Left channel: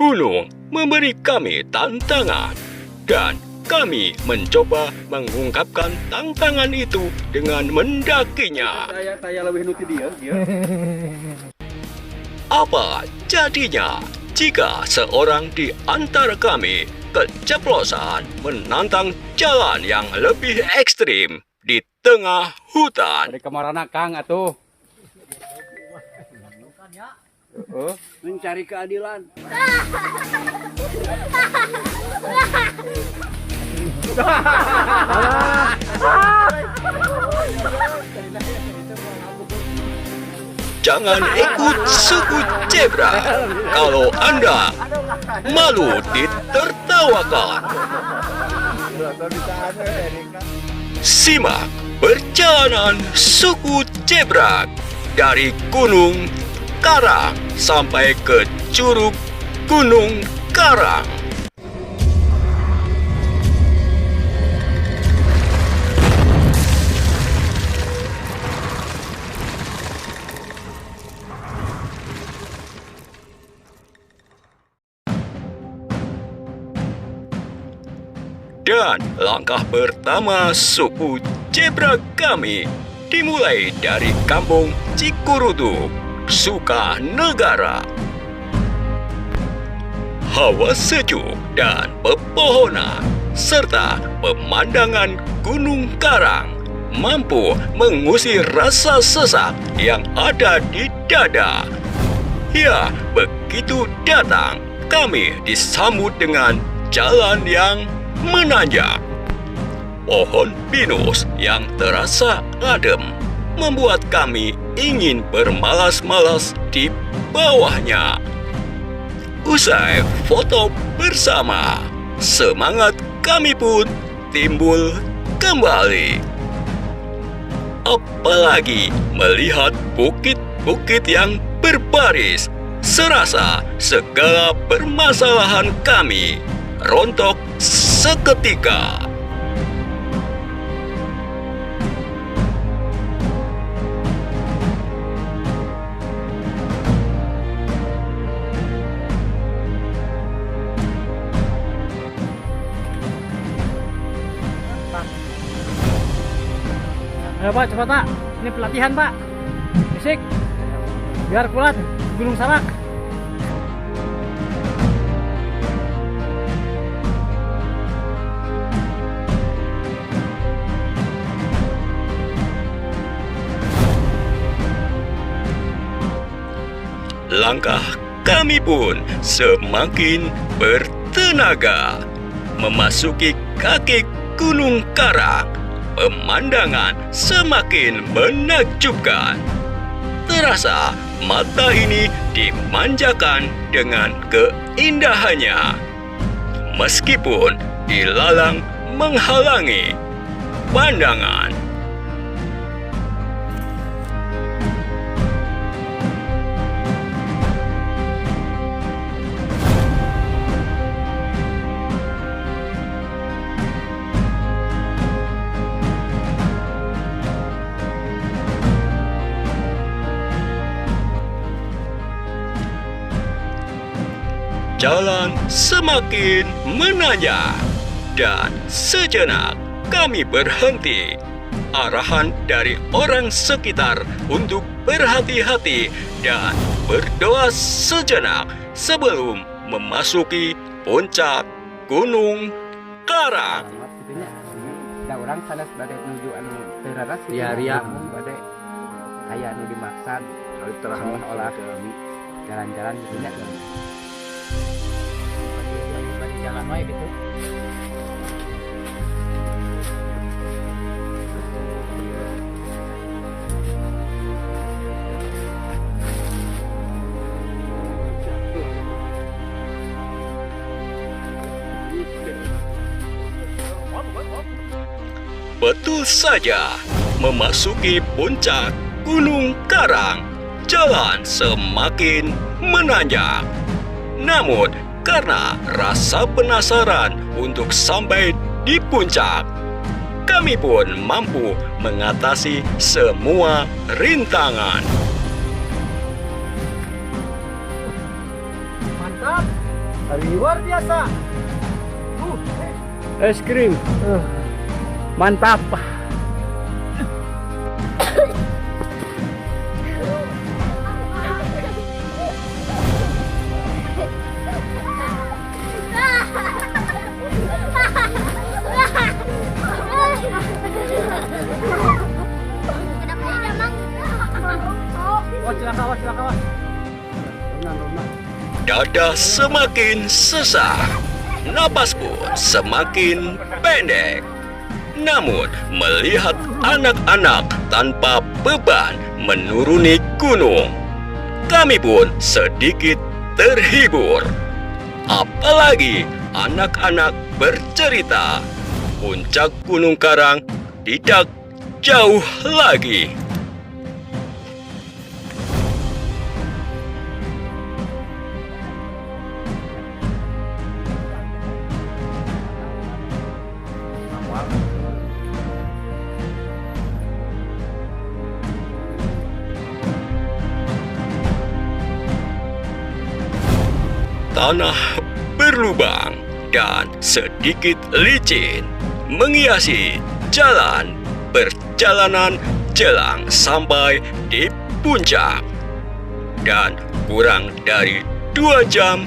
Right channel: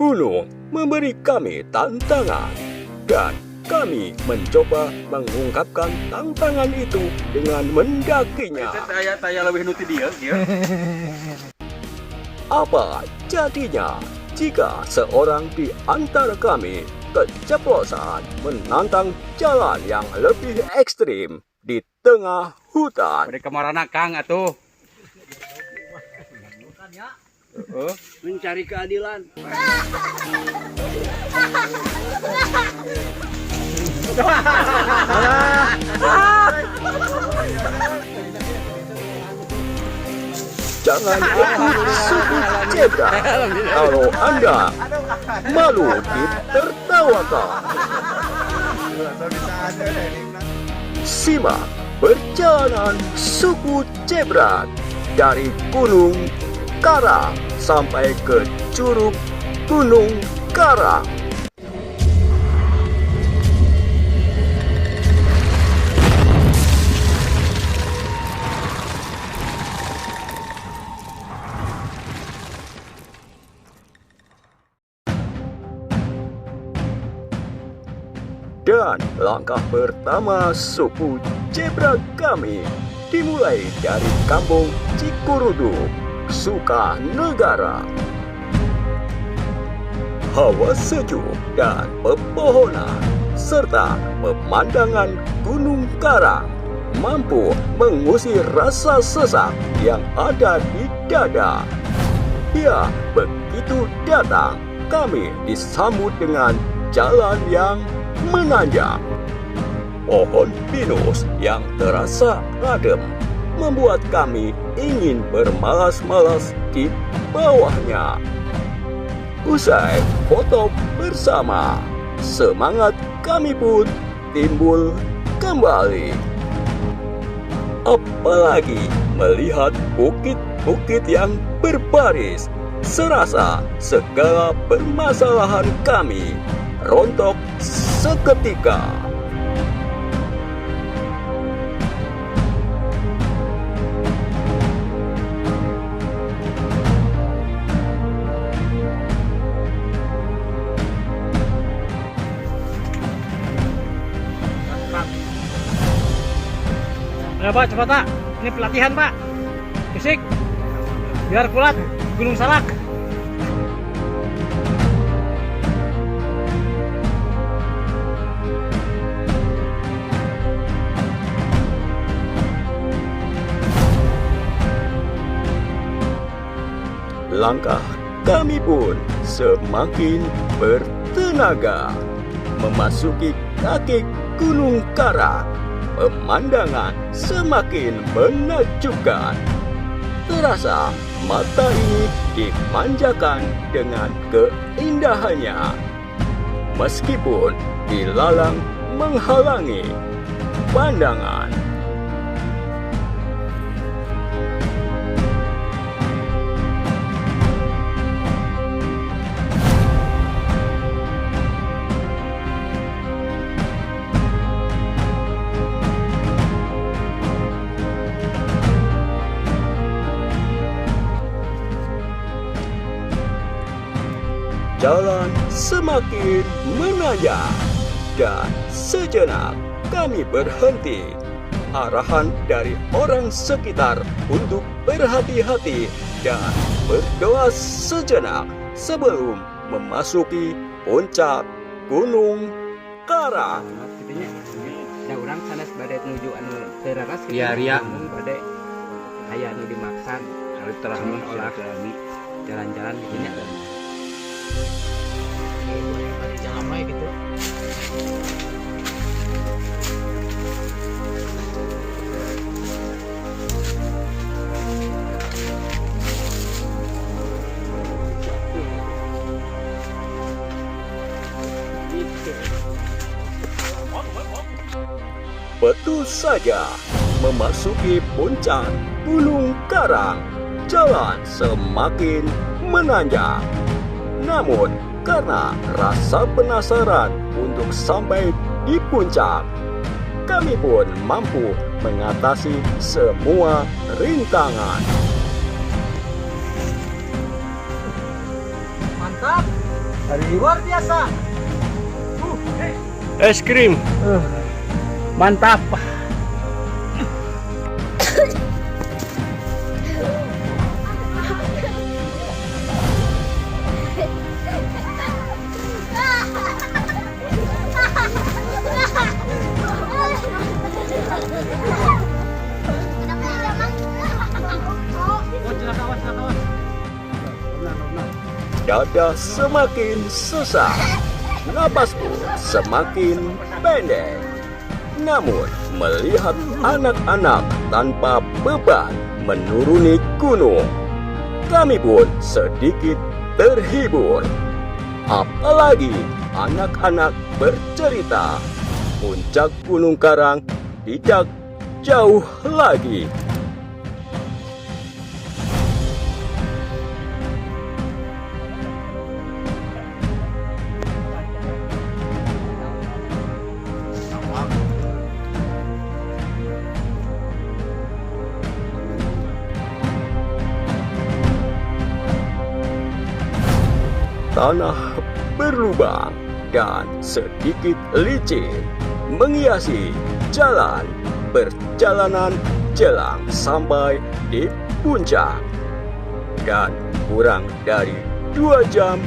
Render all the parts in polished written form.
gunung memberi kami tantangan dan kami mencoba mengungkapkan tantangan itu dengan mendakinya. Saya lebih nuti dia. Apa jadinya jika seorang di antara kami keceplosan menantang jalan yang lebih ekstrim di tengah hutan? Pada kemarana Kang atuh. Mencari keadilan. Jangan ikut suku zebra kalau Anda malu ditertawakan. Simak perjalanan suku zebra dari Gunung Karang sampai ke Curug Gunung Karang. Dan langkah pertama suku zebra kami dimulai dari kampung Cikurudu, Sukanegara. Hawa sejuk dan pepohonan serta pemandangan Gunung Karang mampu mengusir rasa sesak yang ada di dada. Ya, begitu datang kami disambut dengan jalan yang menanjak. Pohon pinus yang terasa adem membuat kami ingin bermalas-malas di bawahnya. Usai foto bersama, semangat kami pun timbul kembali. Apalagi melihat bukit-bukit yang berbaris, serasa segala permasalahan kami rontok seketika. Ayo Pak, cepat Pak. Ini pelatihan Pak. Fisik. Biar kuat Gunung Salak. Langkah kami pun semakin bertenaga. Memasuki kaki Gunung Karang, pemandangan semakin menakjubkan. Terasa mata ini dimanjakan dengan keindahannya. Meskipun dilalang menghalangi pandangan. Jalan semakin menanjak dan sejenak kami berhenti. Arahan dari orang sekitar untuk berhati-hati dan berdoa sejenak sebelum memasuki puncak Gunung Karang. Da urang sanes bade nuju anu teraras Iya, ria. Bade aya anu dimaksud telah olah jalan-jalan gitu nya. Jangan main gitu. Betul saja, memasuki puncak Gunung Karang, jalan semakin menanjak. Namun, karena rasa penasaran untuk sampai di puncak, kami pun mampu mengatasi semua rintangan. Mantap. Luar biasa. Es krim. Mantap. Dada semakin sesak, napas pun semakin pendek. Namun melihat anak-anak tanpa beban menuruni gunung, kami pun sedikit terhibur. Apalagi anak-anak bercerita, puncak Gunung Karang tidak jauh lagi. Tanah berlubang dan sedikit licin menghiasi jalan perjalanan jelang sampai di puncak. Dan kurang dari 2 jam,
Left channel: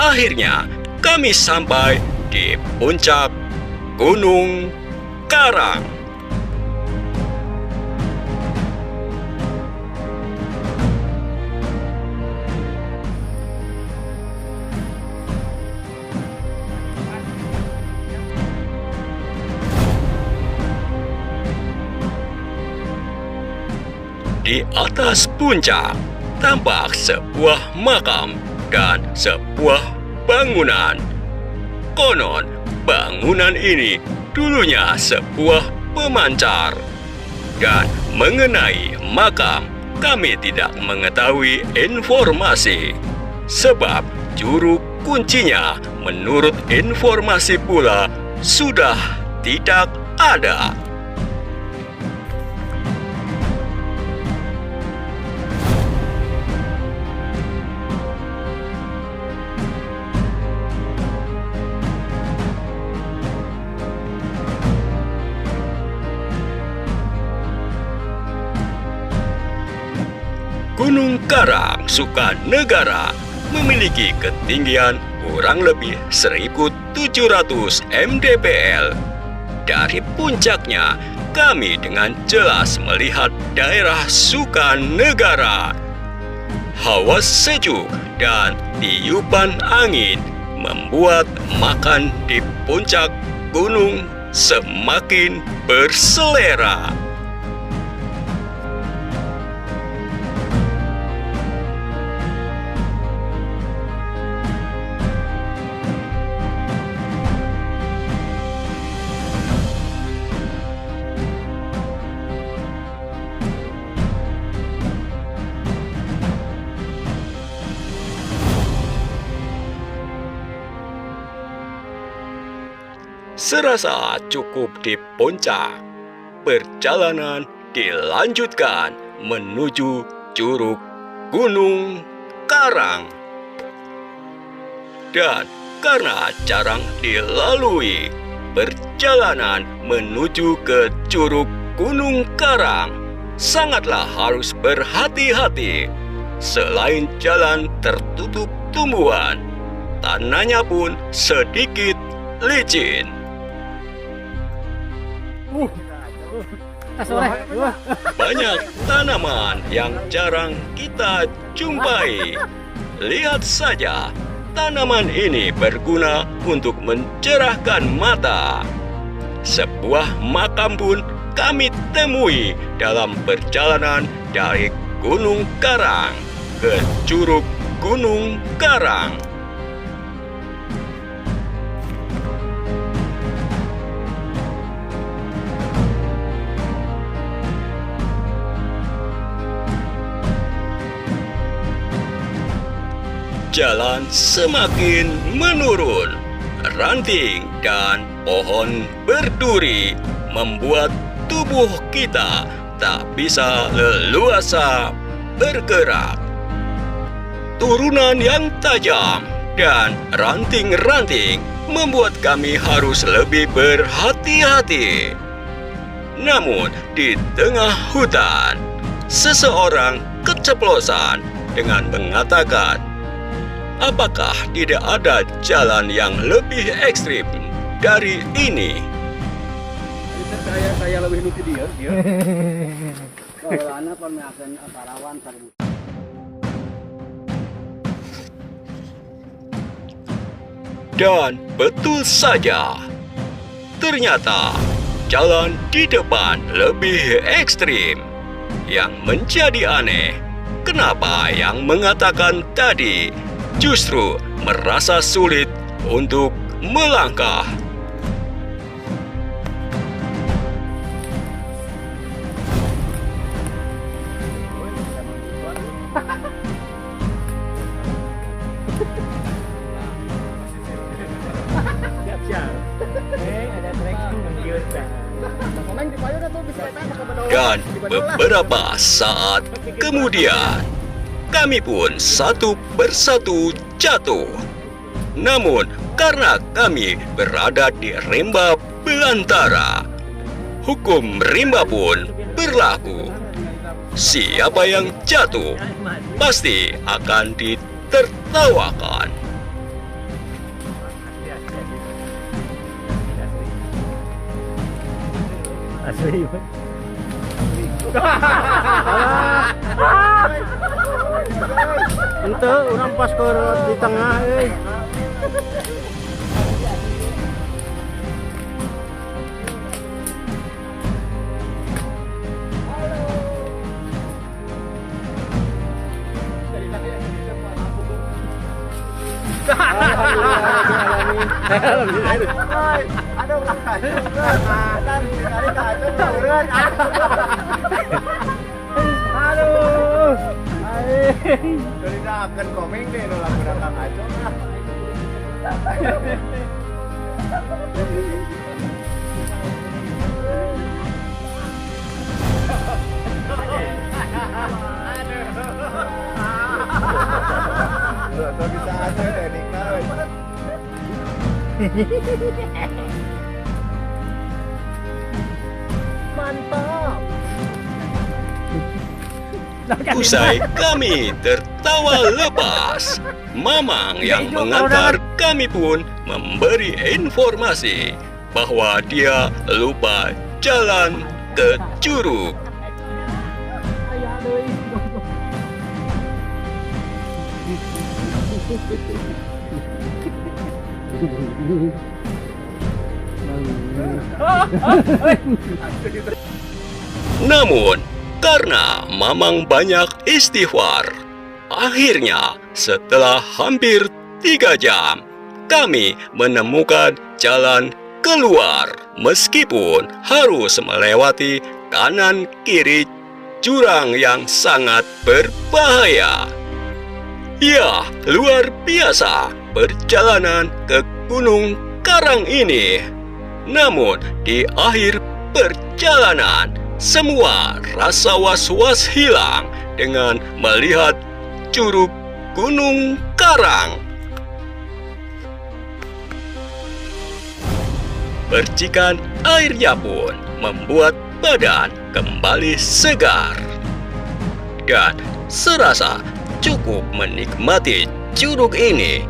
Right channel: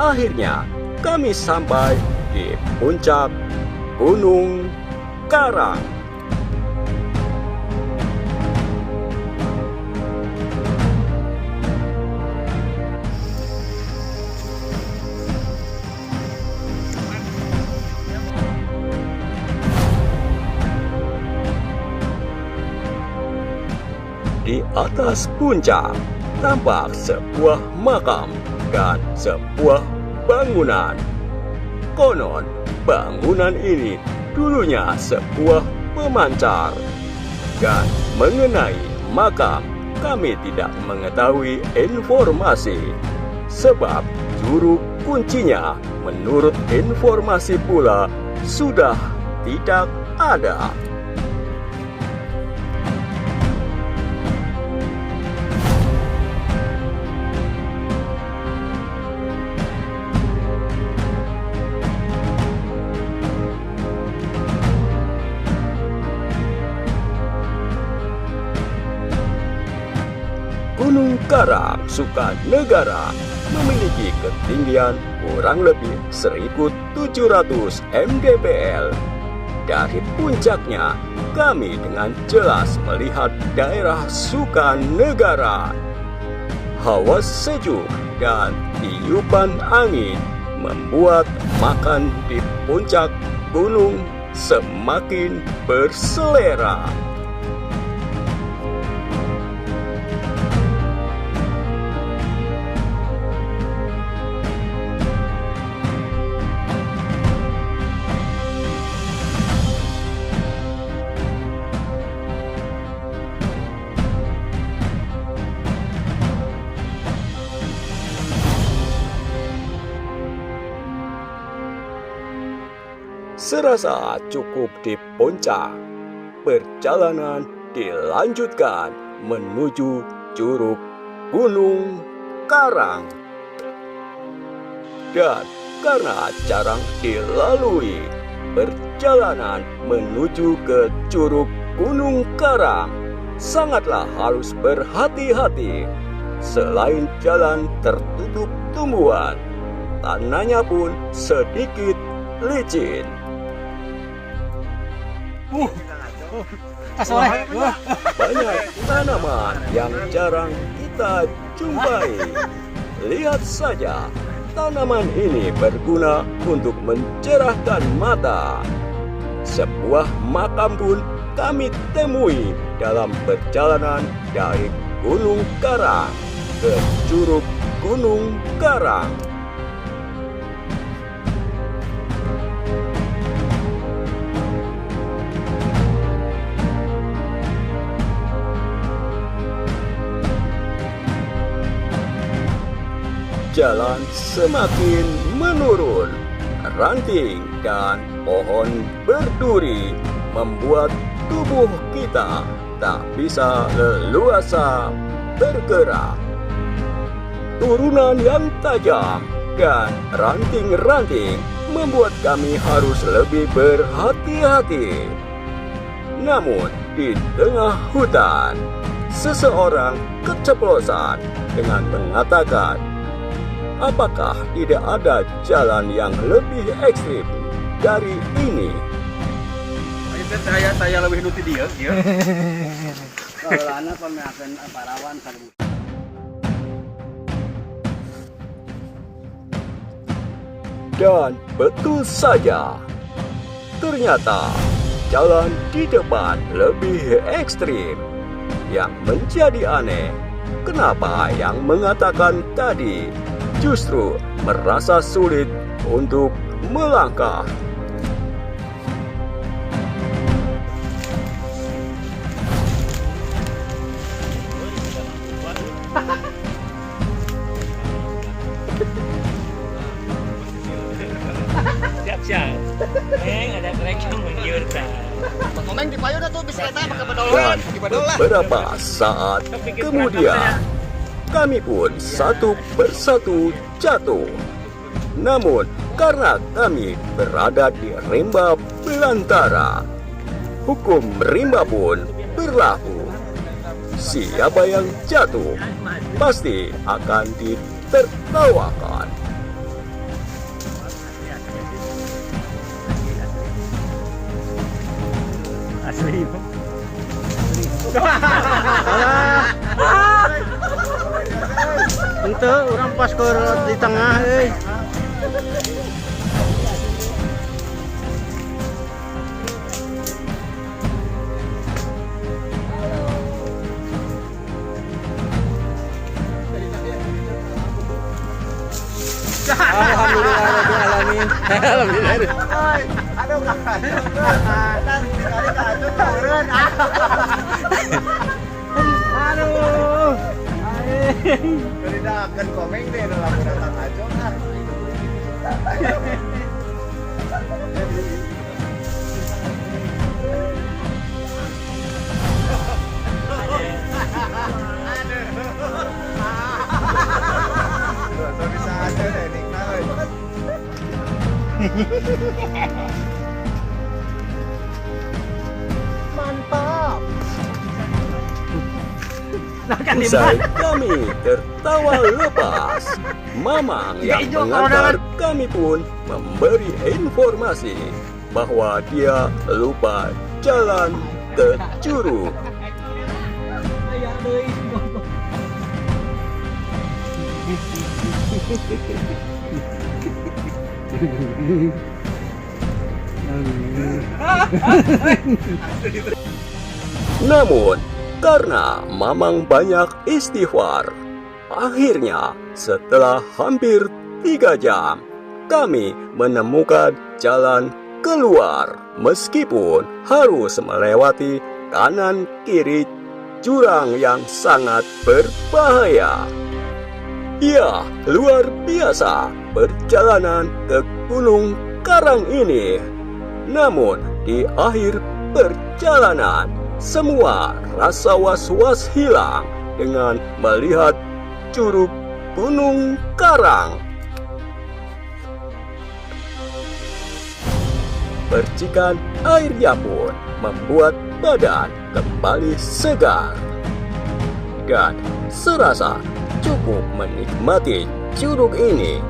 akhirnya kami sampai di puncak Gunung Karang. Di atas puncak tampak sebuah makam dan sebuah bangunan. Konon bangunan ini dulunya sebuah pemancar. Dan mengenai makam, kami tidak mengetahui informasi. Sebab juru kuncinya menurut informasi pula sudah tidak ada. Gunung Karang Sukanegara memiliki ketinggian kurang lebih 1.700 mdpl. Dari puncaknya, kami dengan jelas melihat daerah Sukanegara. Hawa sejuk dan tiupan angin membuat makan di puncak gunung semakin berselera. Serasa cukup di puncak, perjalanan dilanjutkan menuju Curug Gunung Karang. Dan karena jarang dilalui, perjalanan menuju ke Curug Gunung Karang sangatlah harus berhati-hati. Selain jalan tertutup tumbuhan, tanahnya pun sedikit licin. Banyak tanaman yang jarang kita jumpai. Lihat saja, tanaman ini berguna untuk mencerahkan mata. Sebuah makam pun kami temui dalam perjalanan dari Gunung Karang ke Curug Gunung Karang. Jalan semakin menurun. Ranting dan pohon berduri membuat tubuh kita tak bisa leluasa bergerak. Turunan yang tajam dan ranting-ranting membuat kami harus lebih berhati-hati. Namun, di tengah hutan, seseorang keceplosan dengan mengatakan, apakah tidak ada jalan yang lebih ekstrim dari ini? Saya lebih nuti dia. Kalau anak kon akan parawan sareng. Dan betul saja, ternyata jalan di depan lebih ekstrim. Yang menjadi aneh, kenapa yang mengatakan tadi justru merasa sulit untuk melangkah. Siap-siap. Ada trek yang menggiurkan. Dan beberapa saat kemudian, kami pun satu persatu jatuh. Namun, karena kami berada di rimba belantara, hukum rimba pun berlaku. Siapa yang jatuh pasti akan ditertawakan. Asli. Ente orang pas ke di tengah Usai kami tertawa lepas, Mamang yang mengantar kami pun memberi informasi bahwa dia lupa jalan ke curug. Namun, karena Mamang banyak istighfar, akhirnya setelah hampir 3 jam, kami menemukan jalan keluar meskipun harus melewati kanan kiri jurang yang sangat berbahaya. Ya, luar biasa perjalanan ke Gunung Karang ini. Namun, di akhir perjalanan, semua rasa was-was hilang dengan melihat curug Gunung Karang. Percikan airnya pun membuat badan kembali segar. Dan serasa cukup menikmati curug ini,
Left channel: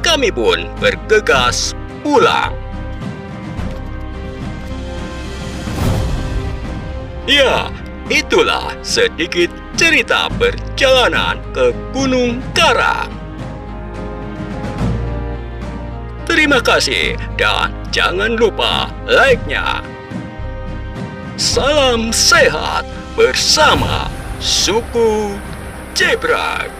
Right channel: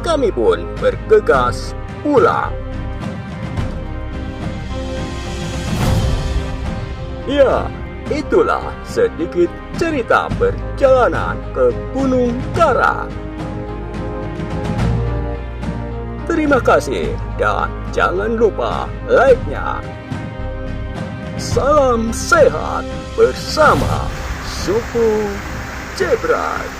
kami pun bergegas pulang. Ya, itulah sedikit cerita perjalanan ke Gunung Karang. Terima kasih dan jangan lupa like-nya. Salam sehat bersama suku Zebra.